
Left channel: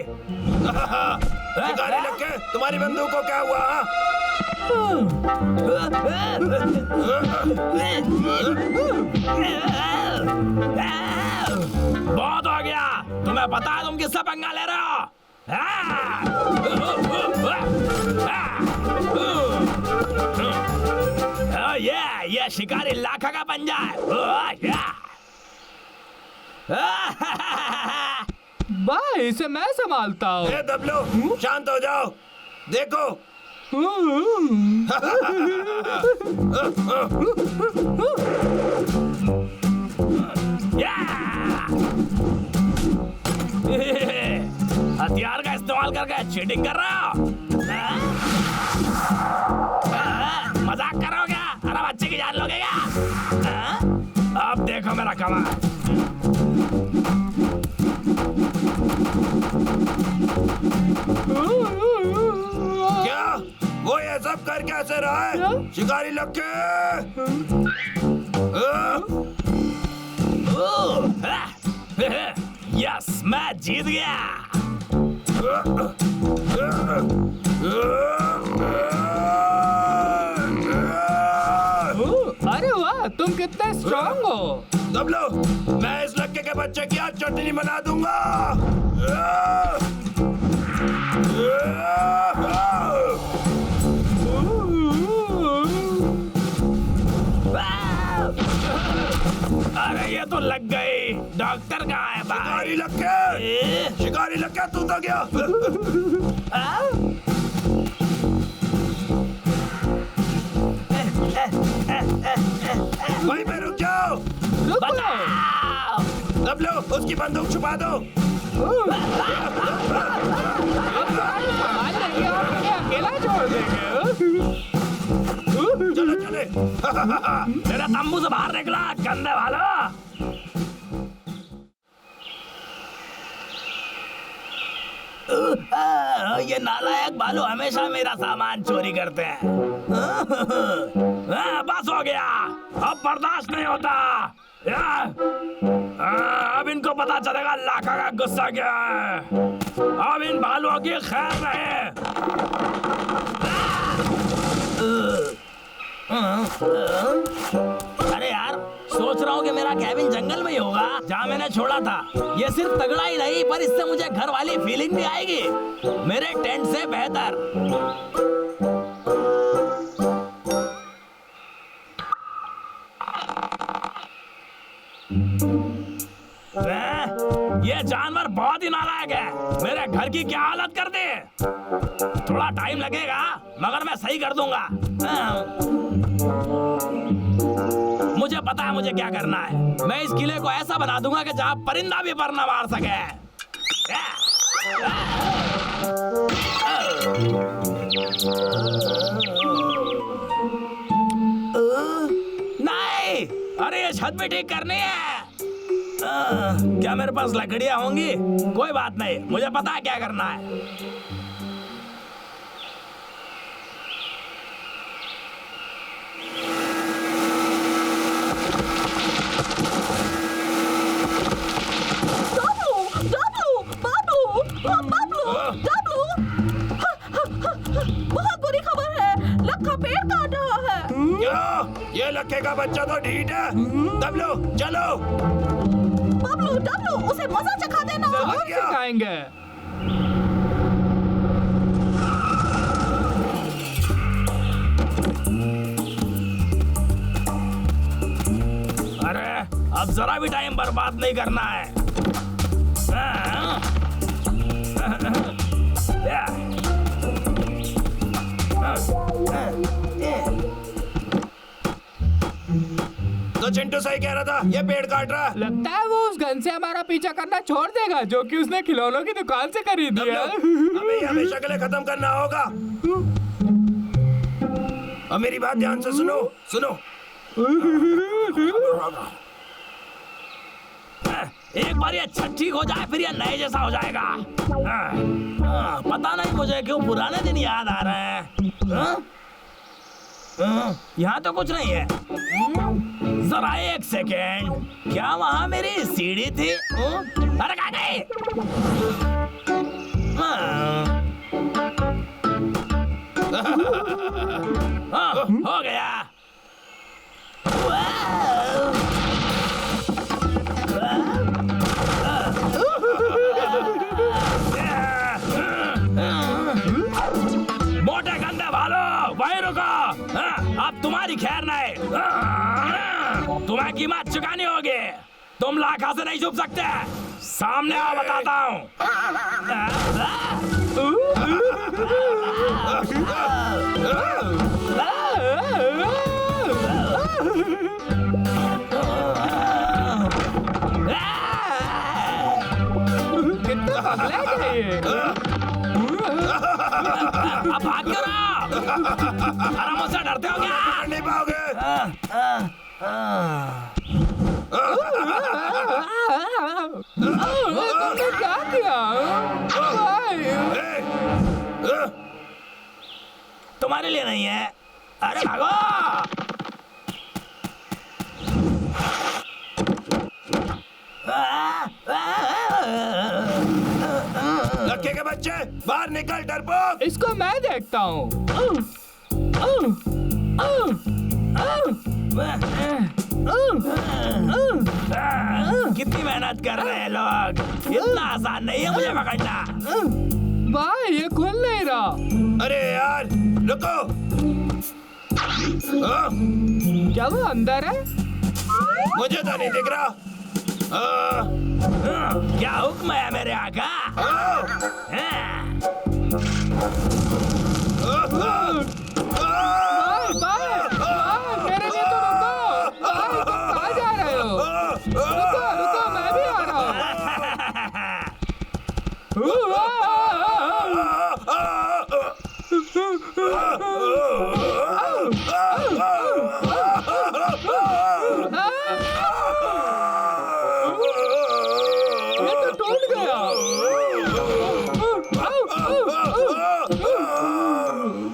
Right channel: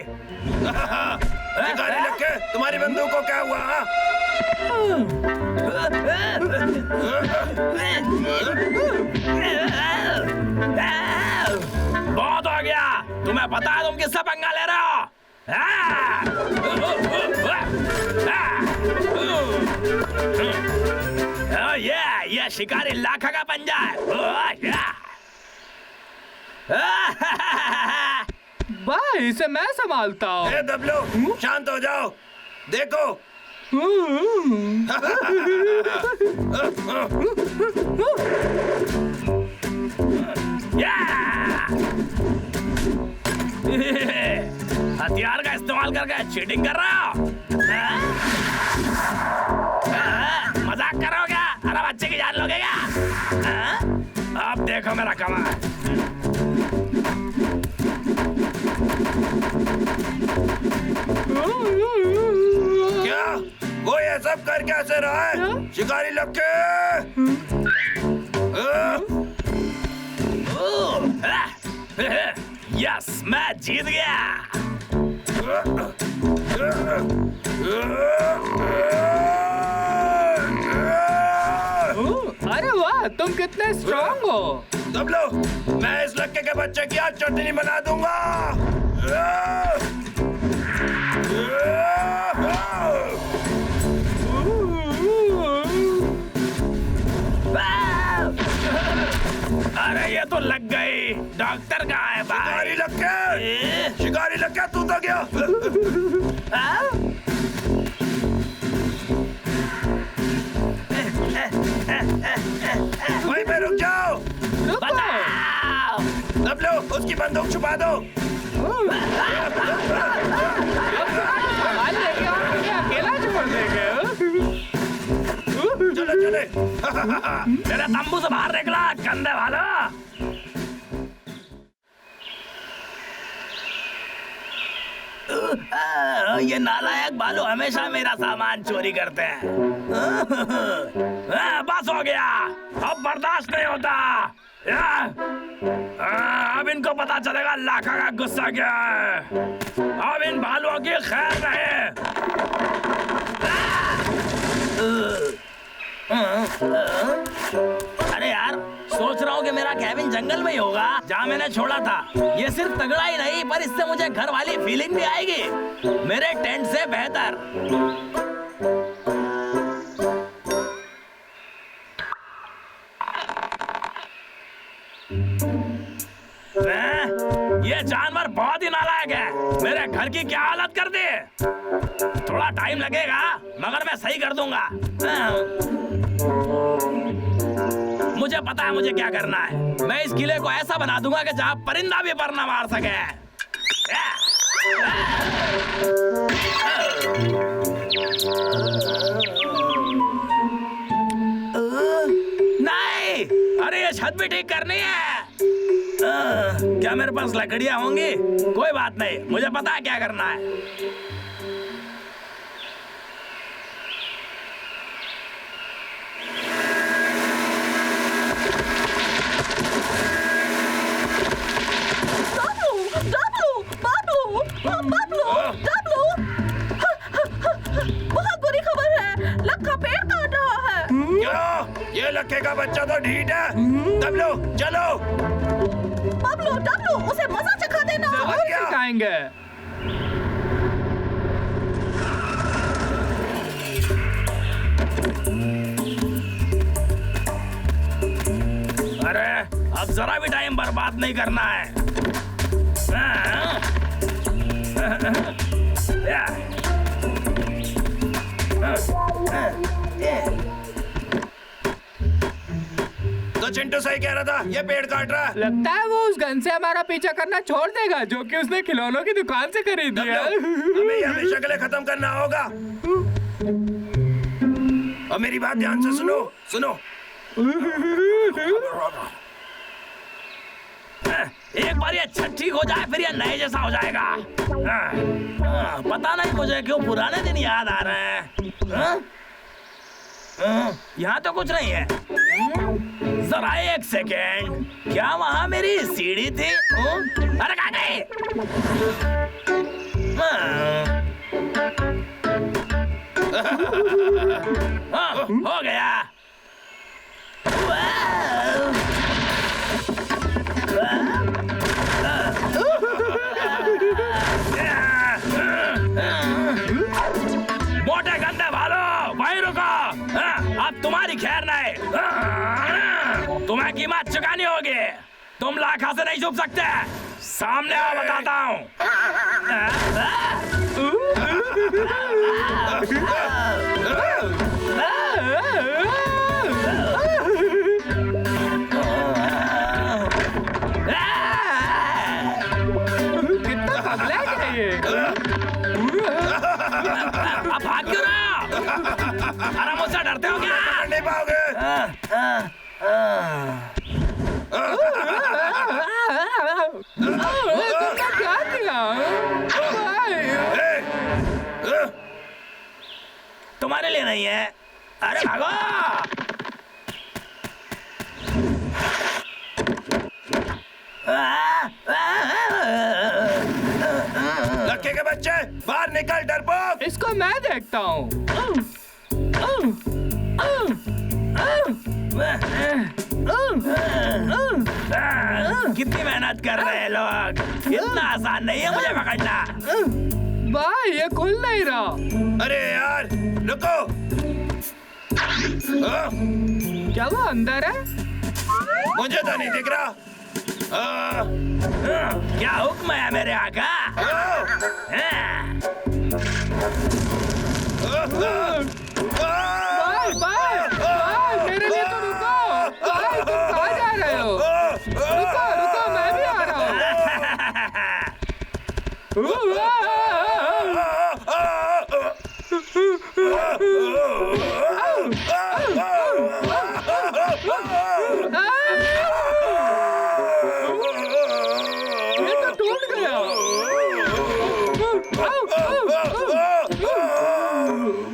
शिकारी लक्के, तुम्हारी बंदूक को क्या हुआ? हाँ? बहुत हो गया। तुम्हें पता है तुम किससे पंगा ले रहे हो? ये ये शिकारी लाखा का पंजा है। ओह, या। भाई इसे मैं संभालता हूँ। ए दबलो, शांत हो जाओ। देखो या। हथियार का इस्तेमाल करके चीटिंग कर रहे हो? मजाक करो क्या? अरे बच्चे की जान लोगे क्या? अब देखो मेरा कमाल। क्या वो ये सब कर कैसे रहा है? शिकारी लक्के यस, मैं जीत गया। अरे वाह, तुम कितने स्ट्रांग हो। दबलो, मैं इस लक्के के बच्चे की आज चटनी बना दूंगा। अरे ये तो लग गई। डॉक्टर कहाँ है भाई? शिकारी लक्के, शिकारी लक्के तू तो गया। वहीं पे रुक जाओ। बताओ। दबलो, उसकी बंदूक छुपा दो। संभाल लेंगे और तुम्हें अकेला छोड़ देंगे। चलो चले। मेरे तंबू से बाहर निकला गंदे वाला। ये नालायक बालू हमेशा मेरा सामान चोरी करते हैं। बस हो गया, अब बर्दाश्त नहीं होता। अब इनको पता चलेगा लाखा का गुस्सा क्या है। अब इन बालुओं की खैर नहीं। अरे यार, सोच रहा हूँ कि मेरा कैबिन जंगल में ही होगा जहाँ मैंने छोड़ा था। ये सिर्फ तगड़ा ही नहीं, पर इससे मुझे घर वाली फीलिंग भी आएगी, मेरे टेंट से बेहतर। ये जानवर बहुत ही नालायक है। मेरे घर की क्या हालत कर दी। थोड़ा टाइम लगेगा, मगर मैं सही कर दूंगा। मुझे पता है मुझे क्या करना है। मैं इस किले को ऐसा बना दूंगा कि जहां परिंदा भी पर न मार सके। नहीं, अरे ये छत भी ठीक करनी है। क्या मेरे पास लकड़ियां होंगी? कोई बात नहीं, मुझे पता है क्या करना है। बहुत बुरी खबर है, लक्का पेड़ काट रहा है। क्यों? ये लक्के का बच्चा तो ढीठ है। दबलो, चलो। बबलू, डबलू, उसे मजा चखा देना। जरूर सिखाएंगे। अरे अब जरा भी टाइम बर्बाद नहीं करना है। तो चिंटू सही कह रहा था, ये पेड़ काट रहा है। लगता है वो उस गन से हमारा पीछा करना छोड़ देगा जो कि उसने खिलौनों की दुकान से खरीदी दबलो, है। हमें ये हमेशा के लिए खत्म करना होगा। अब मेरी बात ध्यान से सुनो, सुनो। एक बार ये छत ठीक हो जाए, फिर ये नए जैसा हो जाएगा। पता नहीं मुझे क्यों पुराने दिन याद आ रहे हैं। यहाँ तो कुछ नहीं है। जरा एक सेकेंड, क्या वहाँ मेरी सीढ़ी थी? अरे कहाँ गई? हो गया। मोटे गंदे भालो, वहीं रुको। अब तुम्हारी खैर नहीं। तुम्हें कीमत चुकानी होगी। तुम लाखा से नहीं छुप सकते। सामने आओ, बताता हूँ। कितना पगला है ये? अब भाग क्यों रहे हो? अरे मुझसे डरते हो क्या? पकड़ नहीं पाओगे। तुमने क्या किया? तुम्हारे लिए नहीं है। अरे भागो। लक्के के बच्चे बाहर निकल, डरपोक। इसको मैं देखता हूँ। कितनी मेहनत कर रहे हैं लोग। इतना आसान नहीं है मुझे पकड़ना। भाई ये खुल नहीं रहा। अरे यार रुको। क्या वो अंदर है? मुझे तो नहीं दिख रहा। क्या हुक्म है मेरे आका? भाई भाई भाई मेरे लिए तो रुको। भाई तुम कहाँ जा रहे हो? रुको रुको, मैं भी आ रहा ये तो टूट गया।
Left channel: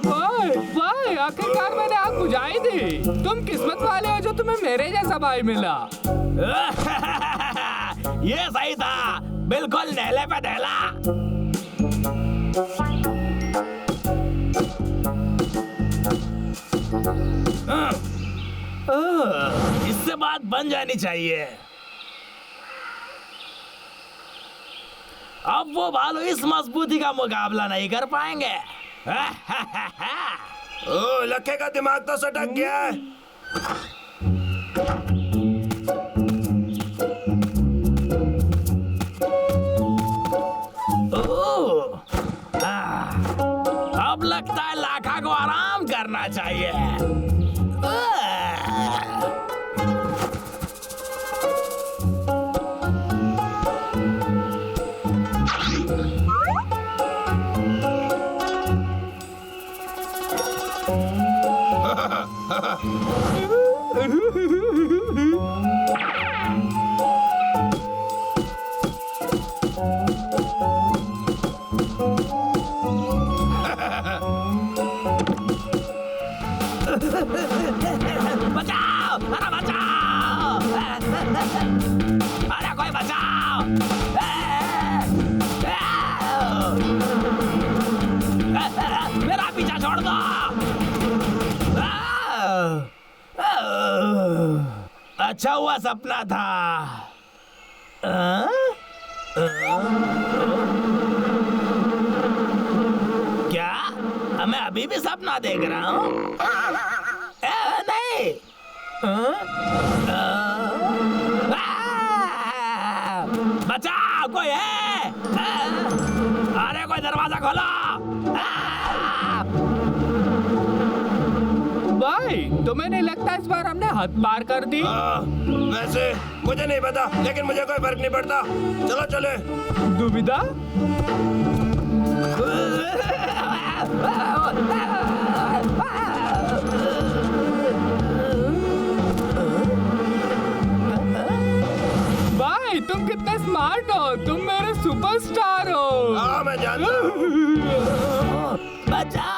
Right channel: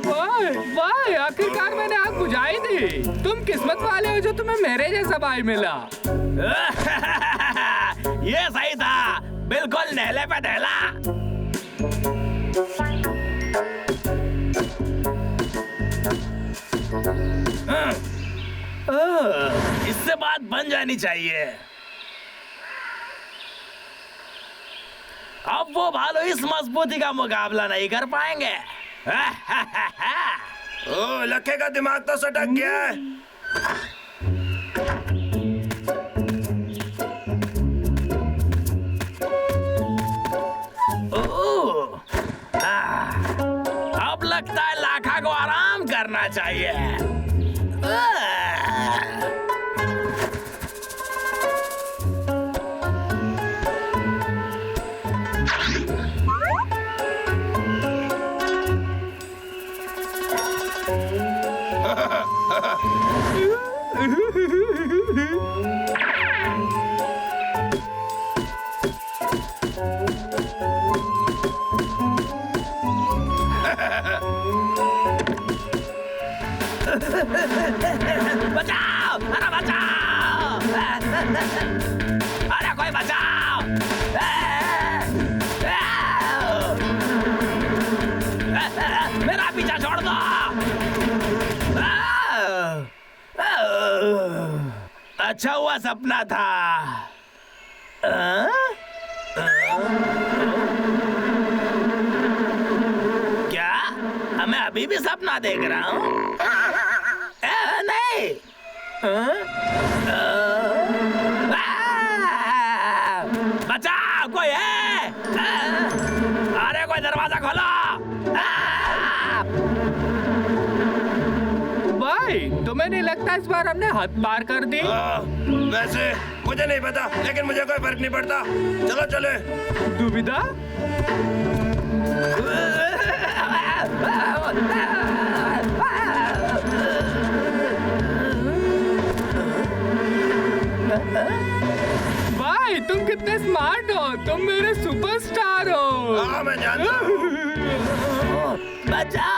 भाई भाई आखिरकार मैंने आग बुझाई थी। तुम किस्मत वाले हो जो तुम्हें मेरे जैसा भाई मिला। ये सही था, बिल्कुल नेले पे ढेला। इससे बात बन जानी चाहिए। अब वो भालू इस मजबूती का मुकाबला नहीं कर पाएंगे। ओ, लक्के का दिमाग तो सटक गया है। अब लगता है लाखा को आराम करना चाहिए। बचाओ! अरे बचाओ! अरे कोई बचाओ! मेरा पीछा छोड़ दो! अच्छा हुआ सपना था। क्या मैं अभी भी सपना देख रहा हूँ? नहीं। बचाओ, कोई है? अरे कोई दरवाजा खोलो। भाई तुम्हें नहीं लगता इस बार हमने हद पार कर दी? वैसे मुझे नहीं पता, लेकिन मुझे कोई फर्क नहीं पड़ता। चलो चले। दुविधा? भाई तुम कितने स्मार्ट हो। तुम मेरे सुपरस्टार हो। हाँ मैं जानता हूँ। बचाओ!